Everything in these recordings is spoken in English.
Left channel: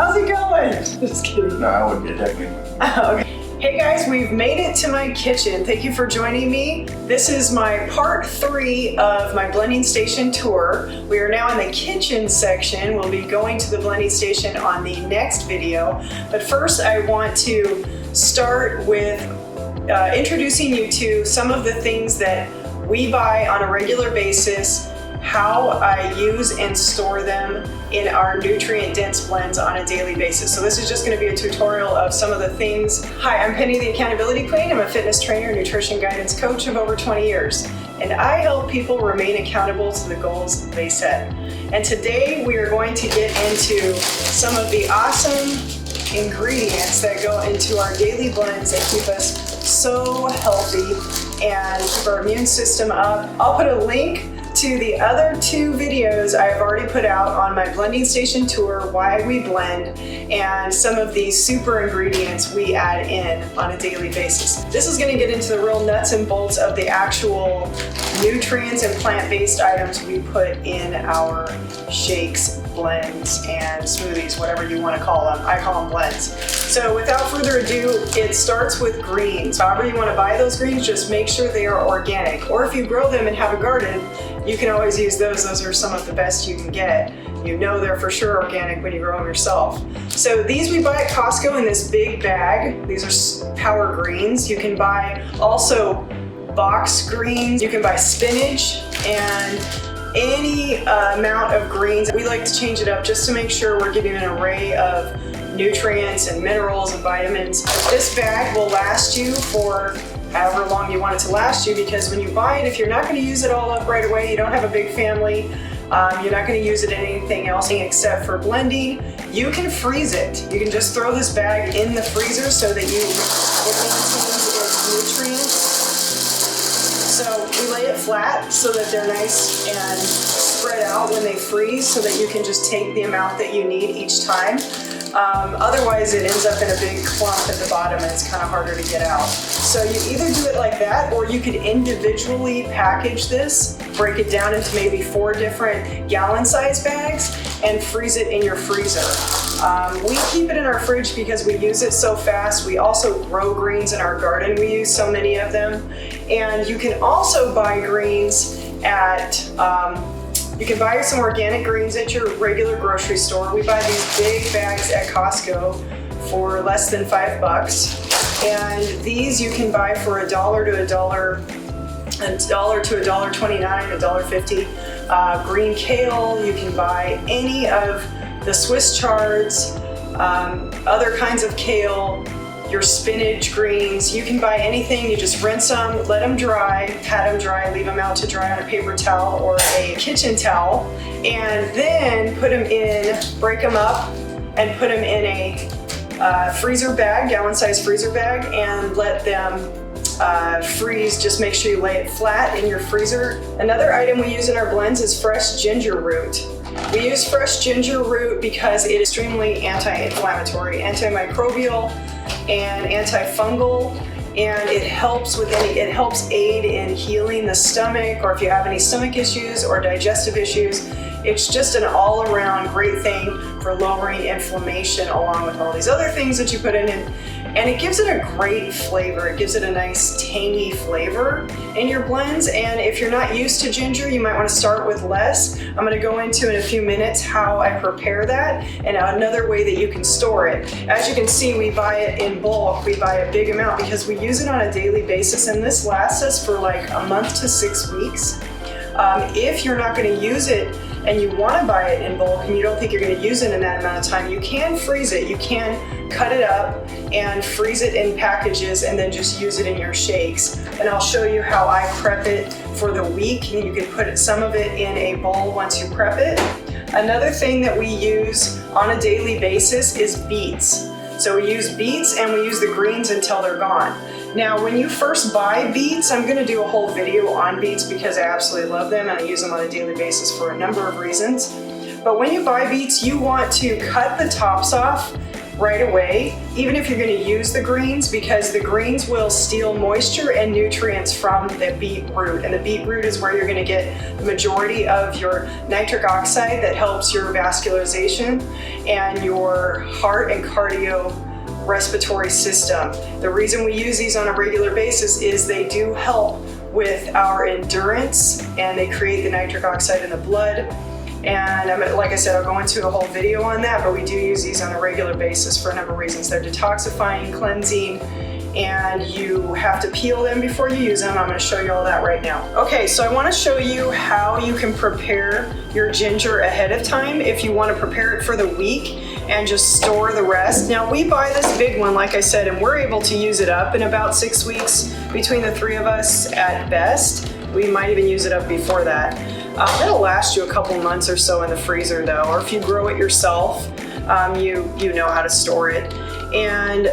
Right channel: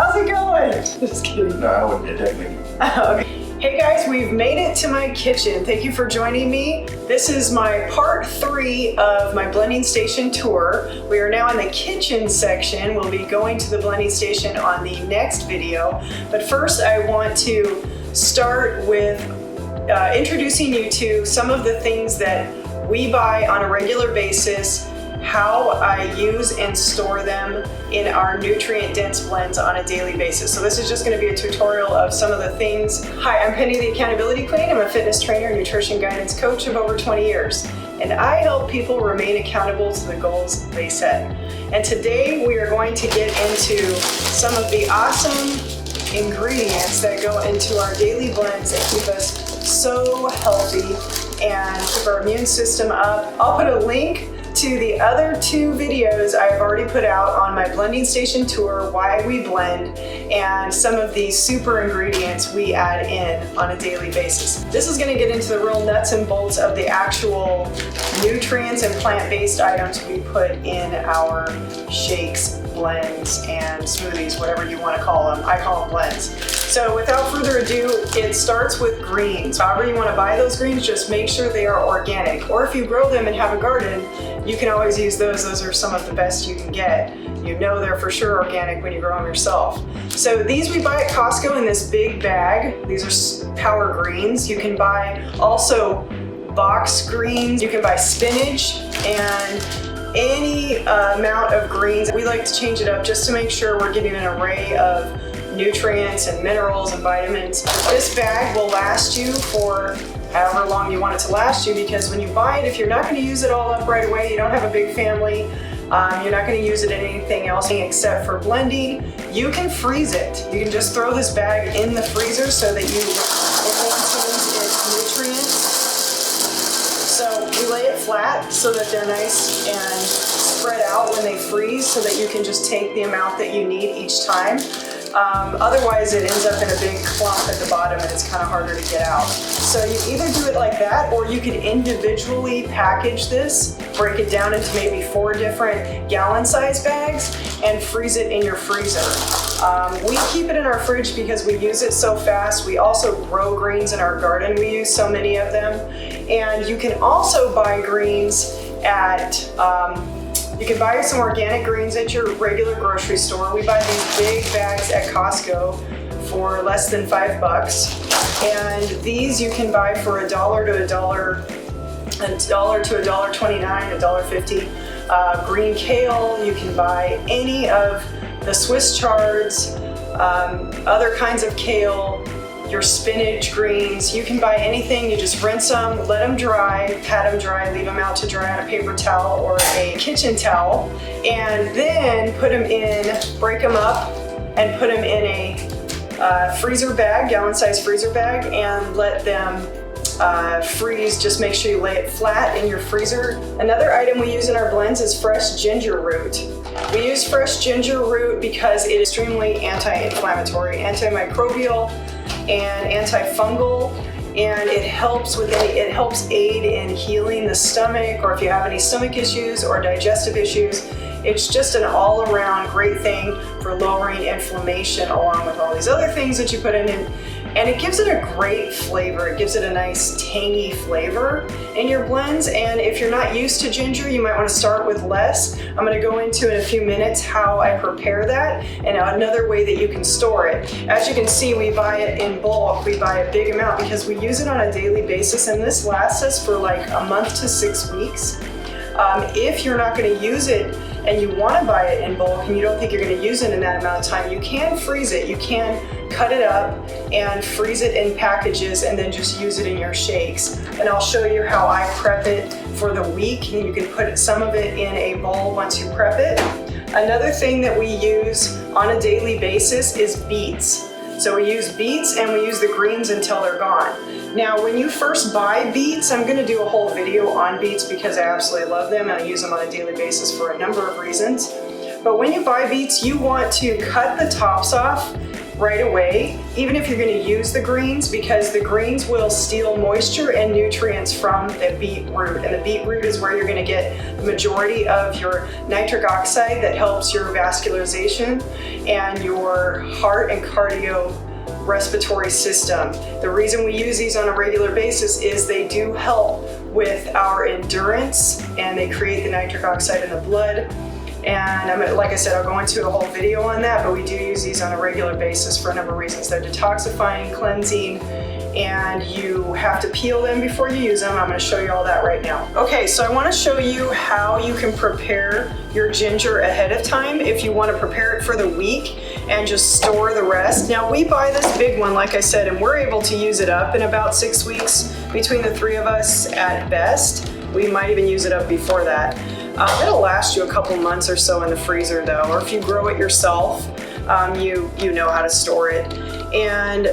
How's it going? Just kidding. No, I wouldn't technically. Okay. Hey guys, we've made it to my kitchen. Thank you for joining me. This is my part 3 of my blending station tour. We are now in the kitchen section. We'll be going to the blending station on the next video. But first I want to start with introducing you to some of the things that we buy on a regular basis, how I use and store them in our nutrient-dense blends on a daily basis. So this is just going to be a tutorial of some of the things. Hi, I'm Pennie The Accountability Queen. I'm a fitness trainer, nutrition guidance coach of over 20 years, and I help people remain accountable to the goals they set. And today we are going to get into some of the awesome ingredients that go into our daily blends that keep us so healthy and keep our immune system up. I'll put a link to the other 2 videos I have already put out on my blending station tour, why we blend, and some of the super ingredients we add in on a daily basis. This is going to get into the real nuts and bolts of the actual nutrients and plant-based items we put in our shakes, blends, and smoothies, whatever you want to call them. I call them blends. So without further ado, it starts with greens. However you want to buy those greens, just make sure they are organic. Or if you grow them and have a garden, you can always use those. Those are some of the best you can get. You know they're for sure organic when you grow them yourself. So these we buy at Costco in this big bag. These are power greens. You can buy also box greens. You can buy spinach and any amount of greens. We like to change it up just to make sure we're getting an array of nutrients and minerals and vitamins. This bag will last you for however long you want it to last you, because when you buy it, if you're not going to use it all up right away, you don't have a big family, you're not going to use it in anything else except for blending, you can freeze it. You can just throw this bag in the freezer so that it maintains its nutrients. So we lay it flat so that they're nice and spread out when they freeze, so that you can just take the amount that you need each time. Otherwise it ends up in a big clump at the bottom and it's kind of harder to get out. So you either do it like that, or you could individually package this, break it down into maybe 4 different gallon size bags and freeze it in your freezer. We keep it in our fridge because we use it so fast. We also grow greens in our garden. We use so many of them. And you can also buy greens at you can buy some organic greens at your regular grocery store. We buy these big bags at Costco for less than $5. And these you can buy for $1 to $1.29, $1.50. Green kale, you can buy any of the Swiss chards, other kinds of kale, your spinach greens. You can buy anything. You just rinse them, let them dry, pat them dry, leave them out to dry on a paper towel or a kitchen towel, and then put them in, break them up and put them in a freezer bag, gallon size freezer bag, and let them freeze. Just make sure you lay it flat in your freezer. Another item we use in our blends is fresh ginger root. We use fresh ginger root because it is extremely anti-inflammatory, antimicrobial, and antifungal, and it helps aid in healing the stomach, or if you have any stomach issues or digestive issues. It's just an all-around great thing for lowering inflammation, along with all these other things that you put in, and it gives it a great flavor. It gives it a nice tangy flavor in your blends. And if you're not used to ginger, you might want to start with less. I'm going to go into in a few minutes how I prepare that and another way that you can store it. As you can see, we buy it in bulk. We buy a big amount because we use it on a daily basis, and this lasts us for like a month to 6 weeks. If you're not going to use it and you want to buy it in bulk and you don't think you're going to use it in that amount of time, you can freeze it. You can cut it up and freeze it in packages and then just use it in your shakes. And I'll show you how I prep it for the week, and you can put some of it in a bowl once you prep it. Another thing that we use on a daily basis is beets. So we use beets and we use the greens until they're gone. Now, when you first buy beets, I'm going to do a whole video on beets because I absolutely love them and I use them on a daily basis for a number of reasons. But when you buy beets, you want to cut the tops off right away, even if you're going to use the greens, because the greens will steal moisture and nutrients from the beet root. And the beet root is where you're going to get the majority of your nitric oxide that helps your vascularization and your heart and cardio respiratory system. The reason we use these on a regular basis is they do help with our endurance, and they create the nitric oxide in the blood. And like I said, I'll go into a whole video on that, but we do use these on a regular basis for a number of reasons. They're detoxifying, cleansing, and you have to peel them before you use them. I'm going to show you all that right now. Okay, so I want to show you how you can prepare your ginger ahead of time if you want to prepare it for the week and just store the rest. Now, we buy this big one, like I said, and we're able to use it up in about 6 weeks between the three of us at best. We might even use it up before that. It'll last you a couple months or so in the freezer though, or if you grow it yourself, you know how to store it. And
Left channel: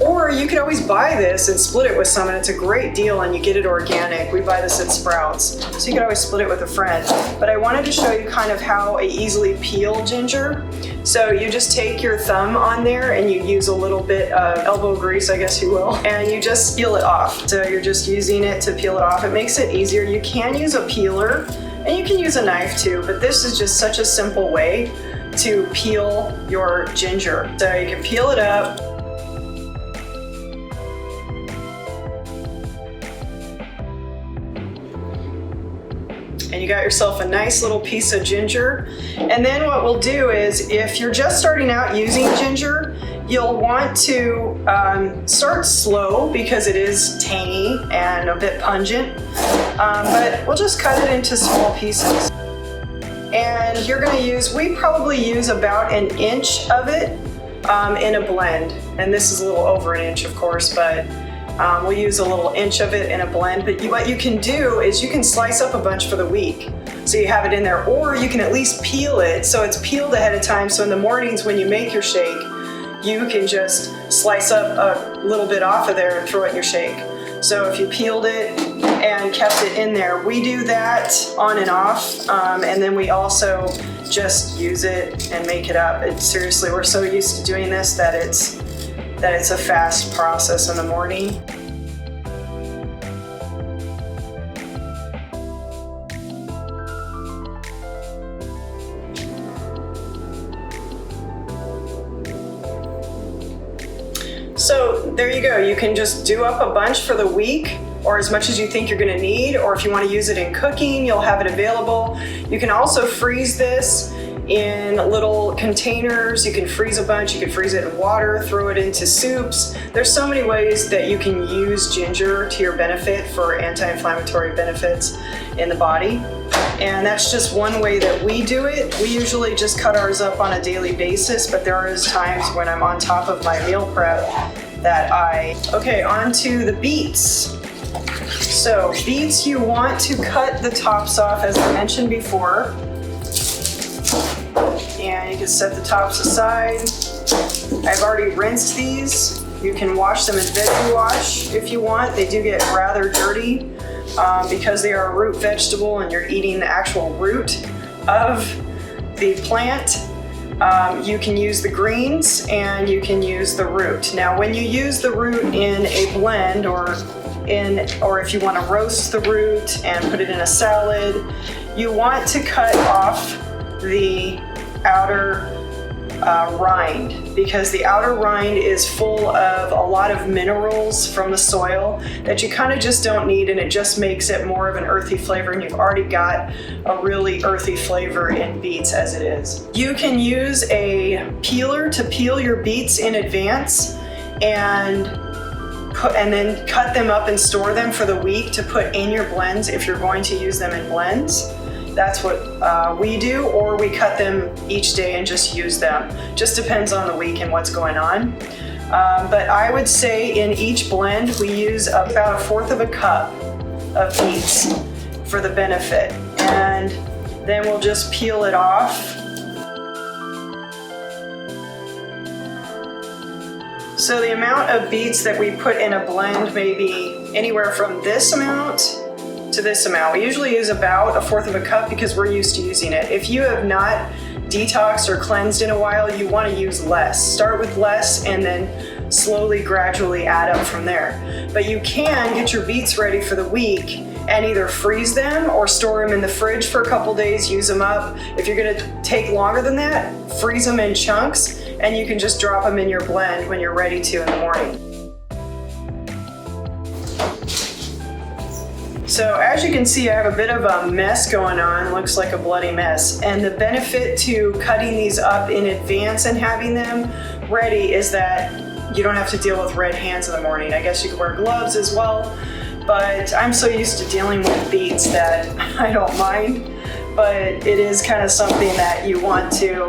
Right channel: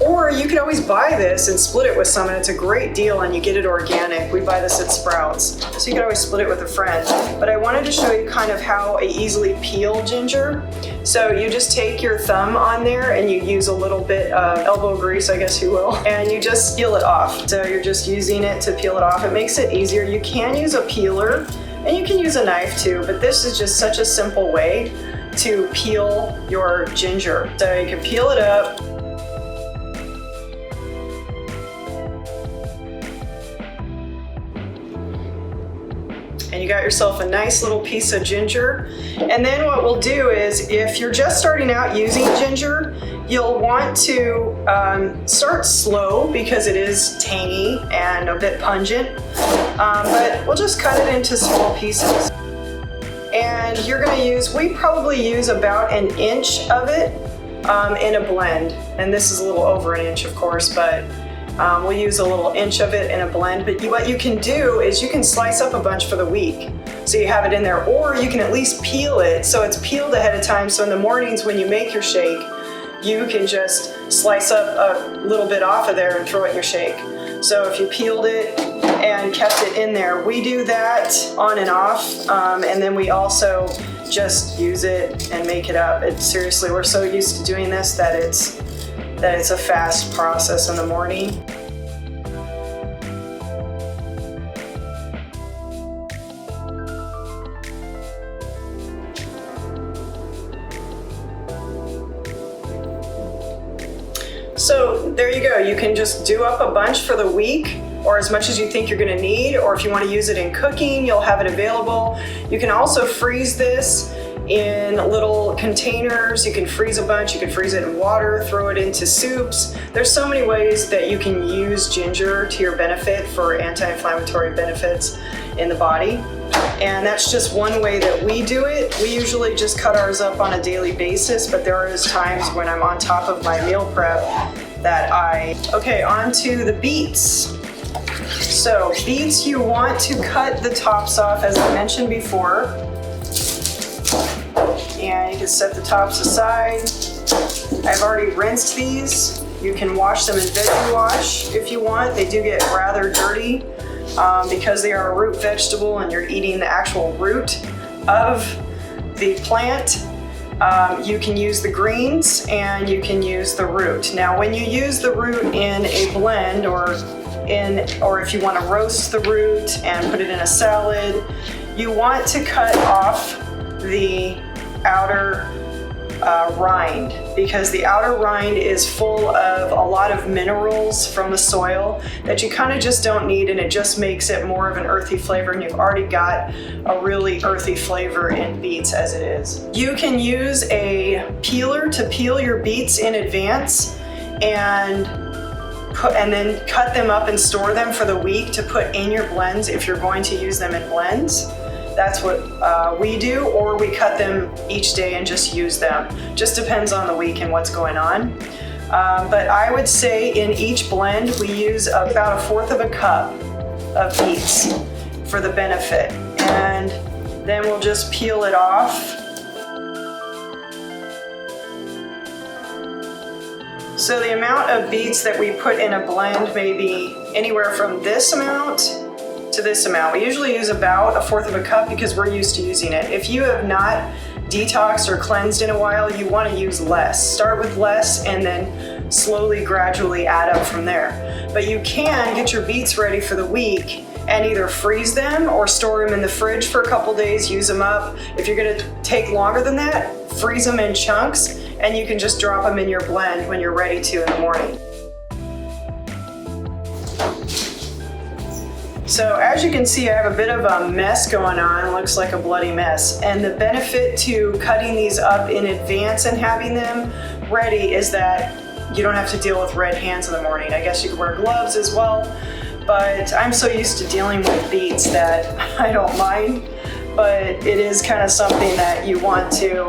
or you could always buy this and split it with someone. It's a great deal, and you get it organic. We buy this at Sprouts, so you could always split it with a friend. But I wanted to show you kind of how I easily peel ginger. So you just take your thumb on there and you use a little bit of elbow grease, I guess you will, and you just peel it off. So you're just using it to peel it off. It makes it easier. You can use a peeler, and you can use a knife too, but this is just such a simple way to peel your ginger. So you can peel it up. And you got yourself a nice little piece of ginger. And then what we'll do is, if you're just starting out using ginger, you'll want to start slow because it is tangy and a bit pungent. But we'll just cut it into small pieces. And you're going to use, we probably use about 1 inch of it in a blend. And this is a little over 1 inch, of course, but we'll use a little inch of it in a blend. But what you can do is you can slice up a bunch for the week, so you have it in there, or you can at least peel it so it's peeled ahead of time. So in the mornings when you make your shake, you can just slice up a little bit off of there and throw it in your shake. So if you peeled it and kept it in there, we do that on and off, and then we also just use it and make it up. Seriously, we're so used to doing this that it's a fast process in the morning. So there you go. You can just do up a bunch for the week, or as much as you think you're going to need, or if you want to use it in cooking, you'll have it available. You can also freeze this in little containers. You can freeze a bunch. You can freeze it in water, throw it into soups. There's so many ways that you can use ginger to your benefit for anti-inflammatory benefits in the body. And that's just one way that we do it. We usually just cut ours up on a daily basis, but there is times when I'm on top of my meal prep that okay, on to the beets. So beets, you want to cut the tops off, as I mentioned before. And you can set the tops aside. I've already rinsed these. You can wash them in veggie wash if you want. They do get rather dirty because they are a root vegetable and you're eating the actual root of the plant. You can use the greens and you can use the root. Now, when you use the root in a blend, or if you want to roast the root and put it in a salad, you want to cut off the outer rind, because the outer rind is full of a lot of minerals from the soil that you kind of just don't need, and it just makes it more of an earthy flavor, and you've already got a really earthy flavor in beets as it is. You can use a peeler to peel your beets in advance and then cut them up and store them for the week to put in your blends if you're going to use them in blends. That's what we do, or we cut them each day and just use them. Just depends on the week and what's going on. But I would say in each blend, we use about 1/4 cup of beets for the benefit. And then we'll just peel it off. So the amount of beets that we put in a blend may be anywhere from this amount to this amount. We usually use about 1/4 cup because we're used to using it. If you have not detoxed or cleansed in a while, you want to use less. Start with less and then slowly, gradually add up from there. But you can get your beets ready for the week and either freeze them or store them in the fridge for a couple days, use them up. If you're gonna take longer than that, freeze them in chunks, and you can just drop them in your blend when you're ready to in the morning. So as you can see, I have a bit of a mess going on. It looks like a bloody mess. And the benefit to cutting these up in advance and having them ready is that you don't have to deal with red hands in the morning. I guess you could wear gloves as well, but I'm so used to dealing with beets that I don't mind. But it is kind of something that you want to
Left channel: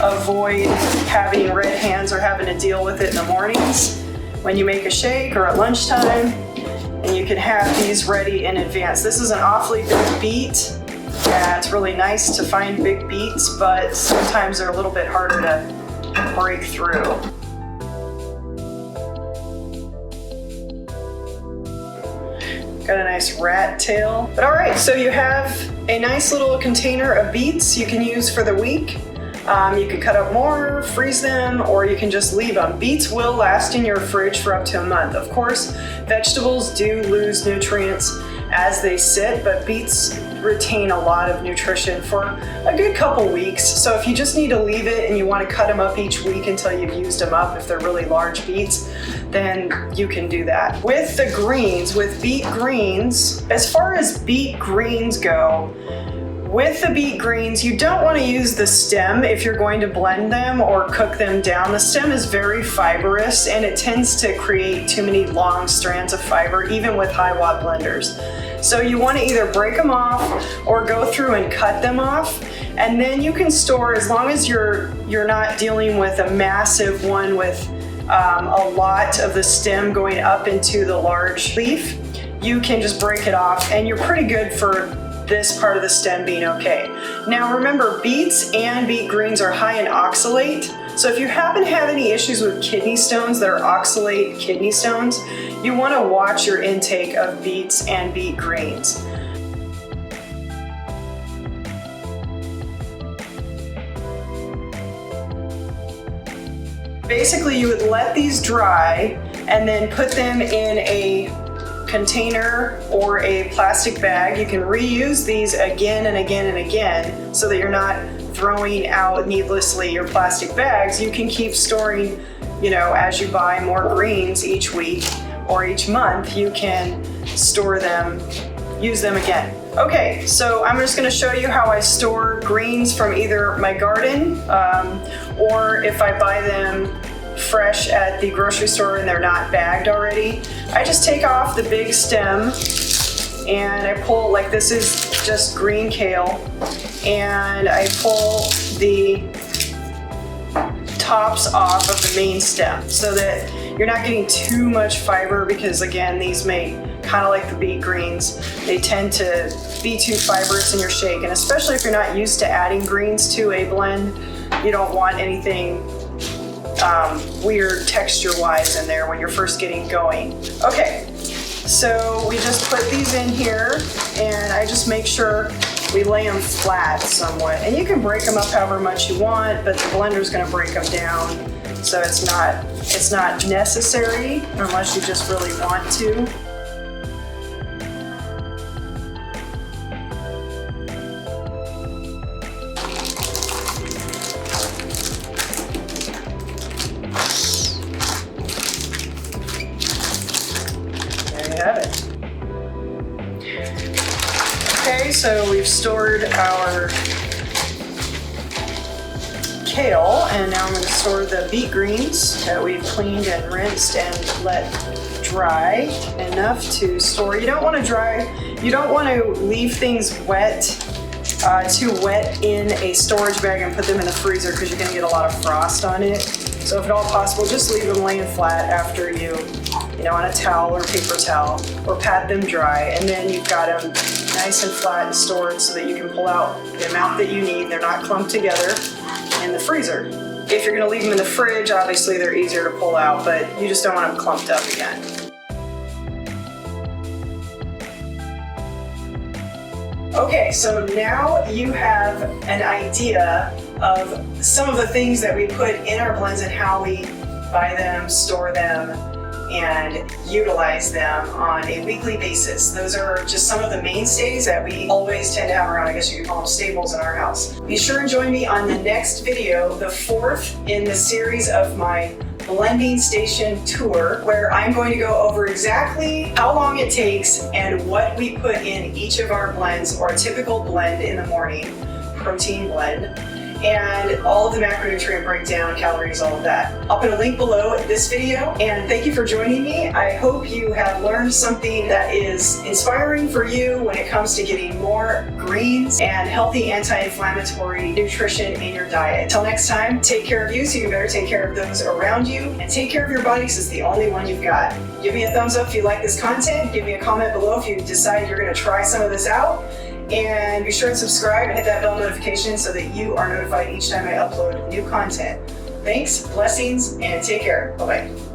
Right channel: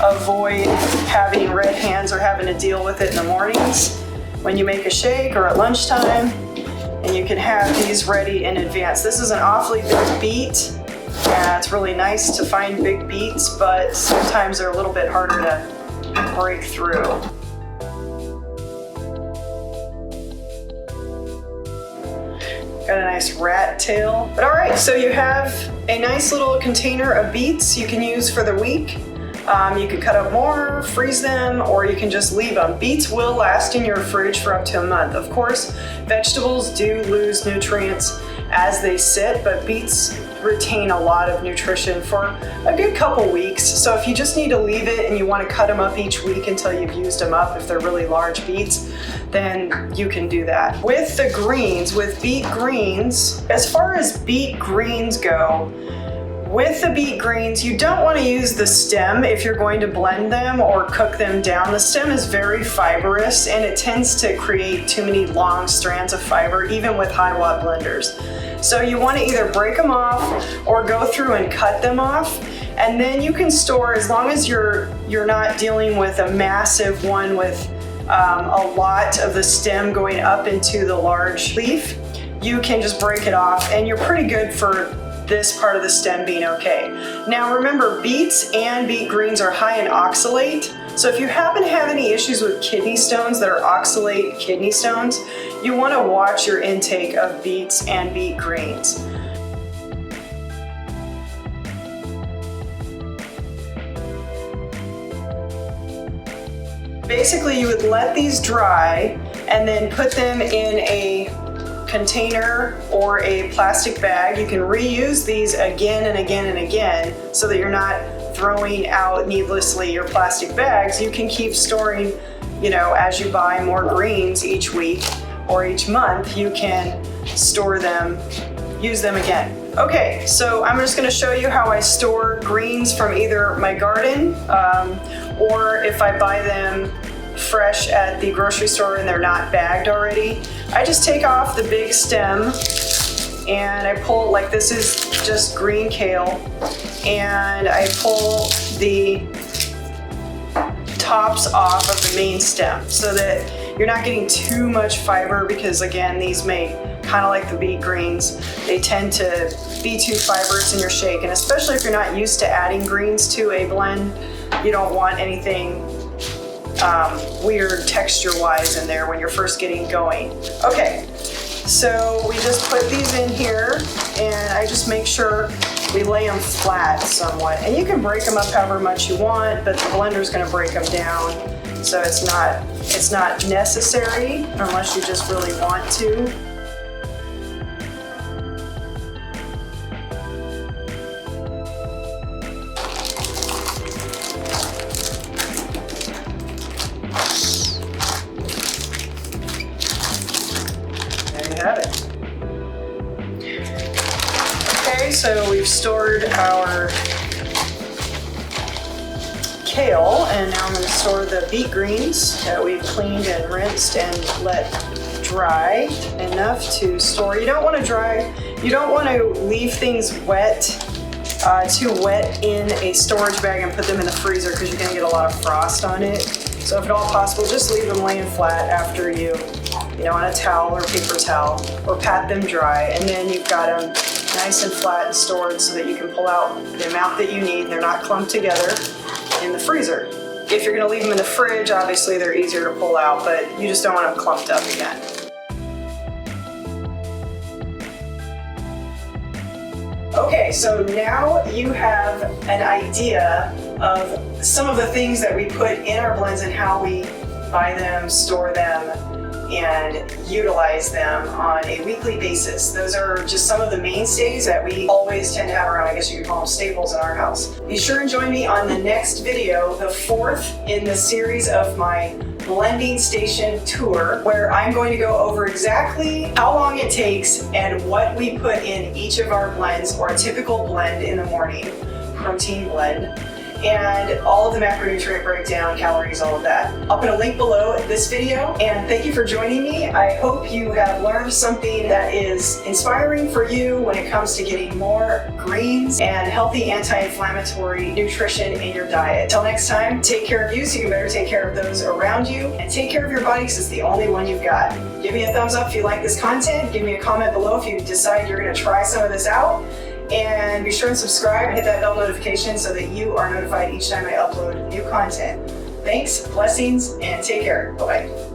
avoid, having red hands or having to deal with it in the mornings when you make a shake or at lunchtime. And you can have these ready in advance. This is an awfully big beet. Yeah, it's really nice to find big beets, but sometimes they're a little bit harder to break through. Got a nice rat tail. But all right, so you have a nice little container of beets you can use for the week. You can cut up more, freeze them, or you can just leave them. Beets will last in your fridge for up to a month. Of course, vegetables do lose nutrients as they sit, but beets retain a lot of nutrition for a good couple weeks. So if you just need to leave it and you want to cut them up each week until you've used them up, if they're really large beets, then you can do that. With the greens, with beet greens, as far as beet greens go, with the beet greens, you don't want to use the stem if you're going to blend them or cook them down. The stem is very fibrous and it tends to create too many long strands of fiber, even with high watt blenders. So you want to either break them off or go through and cut them off. And then you can store, as long as you're not dealing with a massive one with a lot of the stem going up into the large leaf, you can just break it off and you're pretty good for this part of the stem being okay. Now remember, beets and beet greens are high in oxalate. So if you happen to have any issues with kidney stones that are oxalate kidney stones, you want to watch your intake of beets and beet greens. Basically, you would let these dry and then put them in a container or a plastic bag. You can reuse these again and again and again so that you're not throwing out needlessly your plastic bags. You can keep storing, as you buy more greens each week or each month, you can store them, use them again. Okay, so I'm just going to show you how I store greens from either my garden or if I buy them fresh at the grocery store and they're not bagged already. I just take off the big stem and I pull, like this is just green kale, and I pull the tops off of the main stem so that you're not getting too much fiber, because again, these may, kind of like the beet greens, they tend to be too fibrous in your shake, and especially if you're not used to adding greens to a blend, you don't want anything weird texture-wise in there when you're first getting going. Okay, so we just put these in here, and I just make sure we lay them flat somewhat. And you can break them up however much you want, but the blender's going to break them down, so it's not necessary unless you just really want to. Have it. Okay, so we've stored our kale, and now I'm going to store the beet greens that we've cleaned and rinsed and let dry enough to store. You don't want to leave things wet, too wet in a storage bag and put them in the freezer, because you're going to get a lot of frost on it. So if at all possible, just leave them laying flat after you on a towel or paper towel, or pat them dry, and then you've got them nice and flat and stored so that you can pull out the amount that you need. They're not clumped together in the freezer. If you're going to leave them in the fridge, obviously they're easier to pull out, but you just don't want them clumped up again. Okay, so now you have an idea of some of the things that we put in our blends and how we buy them, store them, and utilize them on a weekly basis. Those are just some of the mainstays that we always tend to have around. I guess you could call them staples in our house. Be sure and join me on the next video, the fourth in the series of my blending station tour, where I'm going to go over exactly how long it takes and what we put in each of our blends, or a typical blend in the morning, protein blend, and all of the macronutrient breakdown, calories, all of that. I'll put a link below this video, and thank you for joining me. I hope you have learned something that is inspiring for you when it comes to getting more greens and healthy anti-inflammatory nutrition in your diet. Till next time, take care of you so you can better take care of those around you, and take care of your body because it's the only one you've got. Give me a thumbs up if you like this content. Give me a comment below if you decide you're going to try some of this out. And be sure and subscribe and hit that bell notification so that you are notified each time I upload new content. Thanks, blessings, and take care. Bye-bye.